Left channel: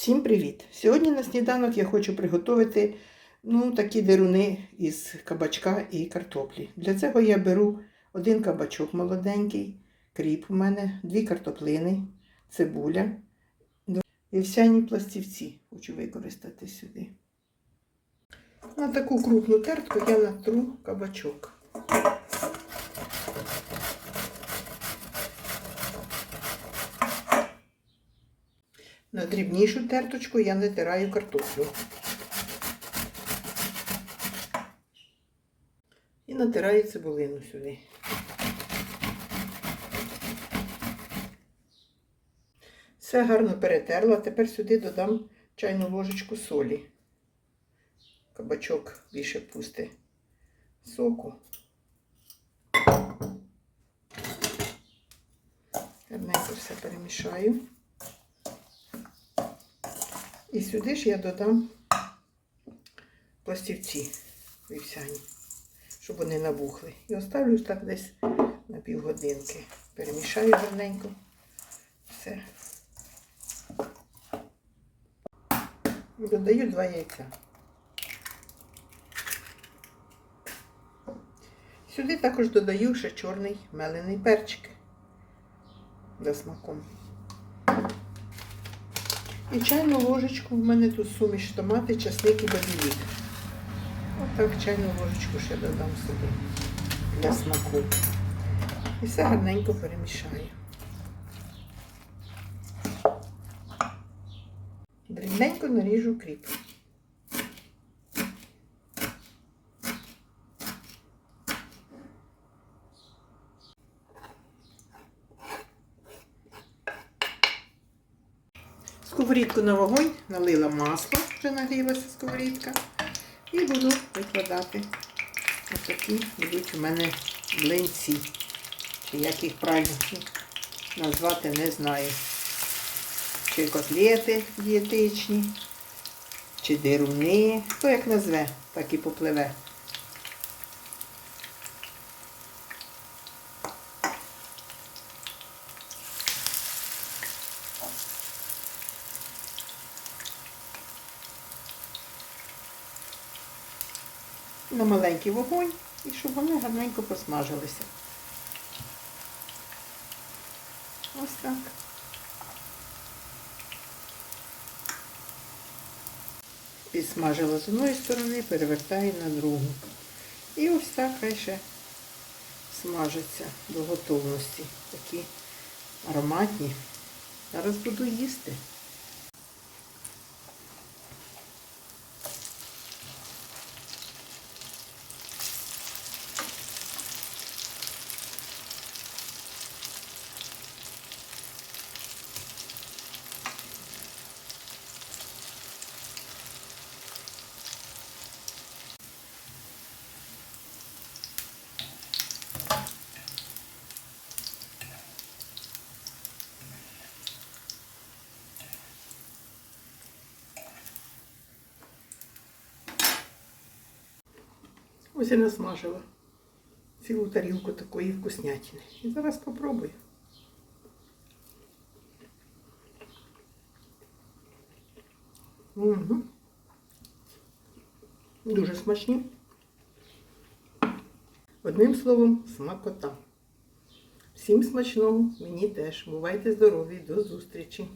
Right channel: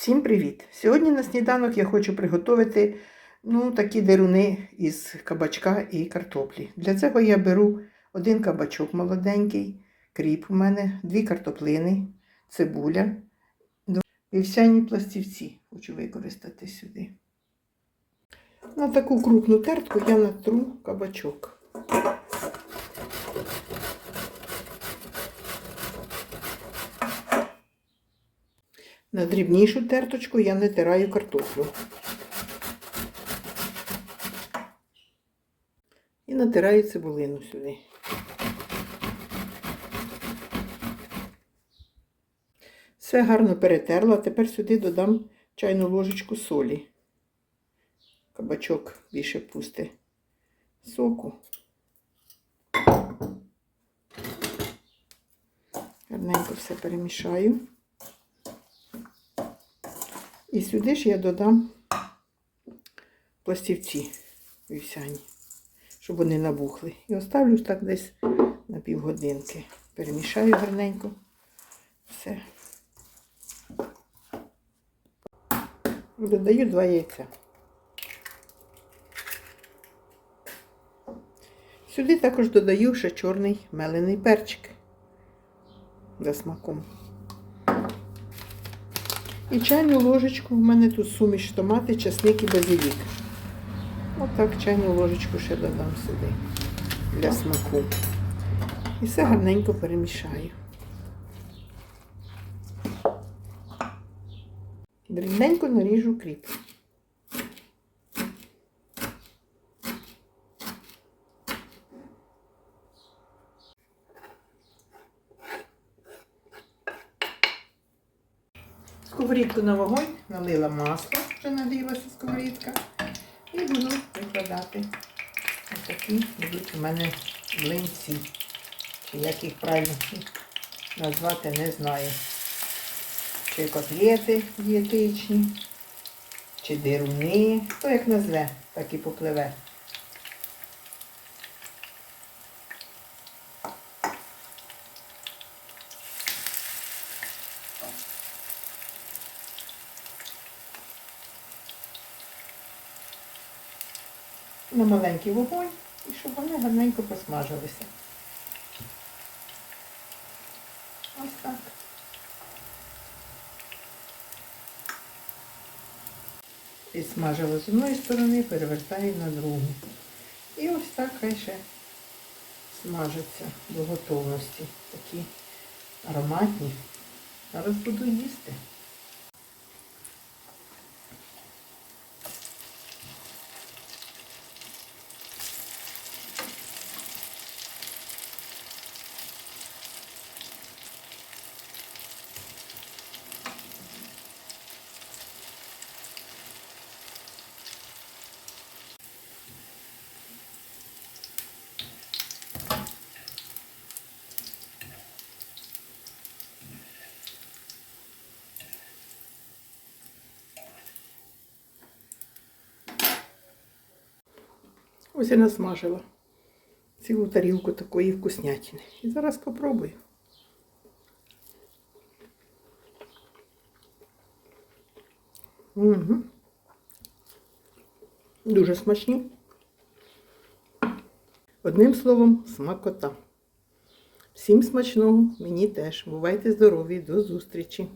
Всім привіт! Сьогодні на сніданок я хочу приготувати ну, такі деруни із кабачка і картоплі. Для цього я беру один кабачок молоденький, кріп у мене, дві картоплини, цибуля, вівсяні пластівці хочу використати сюди. На таку крупну тертку я натру кабачок. На дрібнішу терточку я натираю картоплю. І натираю цибулину сюди. Все гарно перетерла. Тепер сюди додам чайну ложечку солі. Кабачок більше пусте соку. Гарненько все перемішаю. І сюди ж я додам пластівці вівсяні, щоб вони набухли. І оставлю так десь на півгодинки. Перемішаю гарненько. Все. Додаю два яйця. Сюди також додаю ще чорний мелений перчик за смаком. І чайну ложечку, в мене тут суміш томати, часник і базилік. Отак чайну ложечку ще додам сюди для смаку. І все гарненько перемішаю. Дрібненько наріжу кріп. Сковорідку на вогонь, налила масло, вже нагрілася сковорідка. І буду викладати. Ось такі будуть у мене млинці. Як їх правильно назвати, не знаю. Чи котлети дієтичні, чи дируни. Хто як назве, так і попливе. На маленький вогонь і щоб вони гарненько посмажилися. Ось так. Підсмажила з одної сторони, перевертаю на другу. І ось так ще смажаться до готовності. Такі ароматні. Зараз буду їсти. Ось я насмажила цілу тарілку такої вкуснятини. І зараз попробую. Угу. Дуже смачні. Одним словом, смакота. Всім смачного, мені теж. Бувайте здорові, до зустрічі!